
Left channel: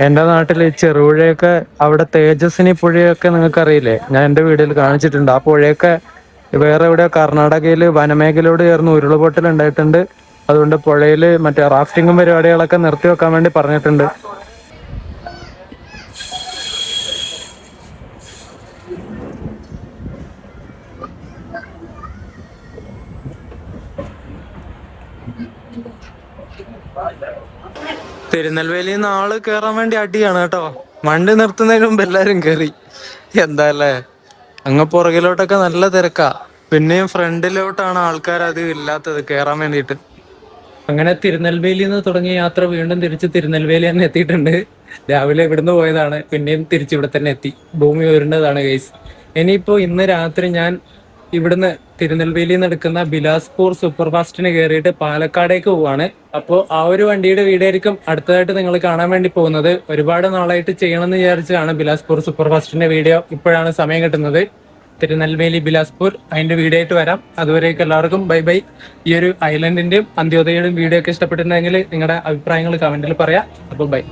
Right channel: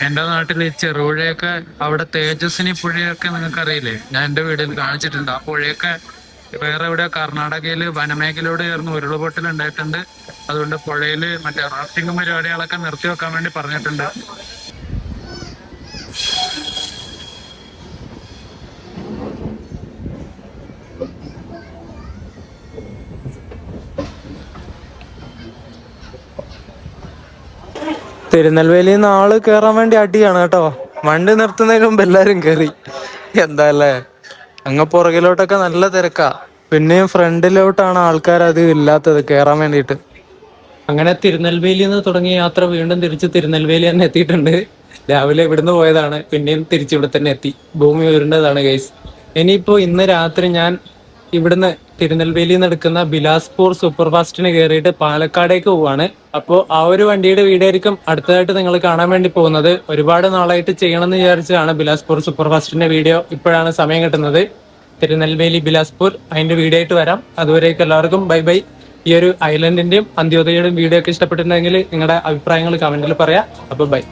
എന്റെ നാട്ടില് ചെറുപുഴയൊക്കെ, അവിടെ തേജസ്വിനി പുഴയൊക്കെ നിങ്ങൾക്ക് അറിയില്ലേ, ഞാൻ എന്റെ വീട്ടിൽ കാണിച്ചിട്ടുണ്ട്. ആ പുഴയൊക്കെ വേറെ എവിടെയോ കർണാടകയില് വനമേഖലയോട് ചേർന്ന് ഉരുൾപൊട്ടൽ ഉണ്ടായിട്ടുണ്ട്. അതുകൊണ്ട് പുഴയില് മറ്റേ റാഫ്റ്റിങ്ങും പരിപാടികളൊക്കെ നിർത്തി വെക്കാൻ വേണ്ടി പറഞ്ഞിട്ടുണ്ട്. തിരുനെൽവേലിയിൽ നിന്ന് ആള് കേറാൻ വേണ്ടി അടിയാണ് കേട്ടോ. വണ്ടി നിർത്തുന്നതിന് മുമ്പ് എല്ലാരും കേറി. എന്താ അല്ലേ, അങ്ങ് പുറകിലോട്ടൊക്കെ നല്ല തിരക്കാ. പിന്നെയും ഫ്രണ്ടിലോട്ടാണ് ആൾക്കാർ അധികം ഇല്ലാത്തത് കേറാൻ വേണ്ടിയിട്ട്. അങ്ങനെ തിരുനെൽവേലിയിൽ നിന്ന് തുടങ്ങിയ യാത്ര വീണ്ടും തിരിച്ച് തിരുനെൽവേലി തന്നെ എത്തിയിട്ടുണ്ട്. രാവിലെ ഇവിടുന്ന് പോയതാണ്, പിന്നെയും തിരിച്ച് ഇവിടെ തന്നെ എത്തി. ഭൂമി ഉരുണ്ടതാണ് ഗൈസ്. ഇനിയിപ്പോ ഇന്ന് രാത്രി ഞാൻ ഇവിടുന്ന് തിരുനെൽവേലിയിൽ നിന്ന് എടുക്കുന്ന ബിലാസ്പൂർ സൂപ്പർ ഫാസ്റ്റിന് കയറിയിട്ട് പാലക്കാടേക്ക് പോവാണ്. അപ്പോൾ ആ ഒരു വണ്ടിയുടെ വീഡിയോ ആയിരിക്കും അടുത്തതായിട്ട് നിങ്ങൾ കാണാൻ വേണ്ടി പോകുന്നത്. ഒരുപാട് നാളായിട്ട് ചെയ്യണമെന്ന് വിചാരിച്ചതാണ് ബിലാസ്പൂർ സൂപ്പർ ഫാസ്റ്റിന്റെ വീഡിയോ. ഇപ്പോഴാണ് സമയം കിട്ടുന്നത്. തിരുനെൽവേലി ബിലാസ്പൂർ അതിന്റെ വീഡിയോ ആയിട്ട് വരാം. അതുവരേക്കും എല്ലാവർക്കും ബൈ ബൈ. ഈ ഒരു ഐലൻഡിന്റെയും അന്ത്യോദയയുടെയും വീഡിയോ ഒക്കെ ഇഷ്ടപ്പെട്ടിട്ടുണ്ടെങ്കിൽ നിങ്ങളുടെ അഭിപ്രായങ്ങൾ കമന്റിൽ പറയാം. അപ്പോൾ ബൈ.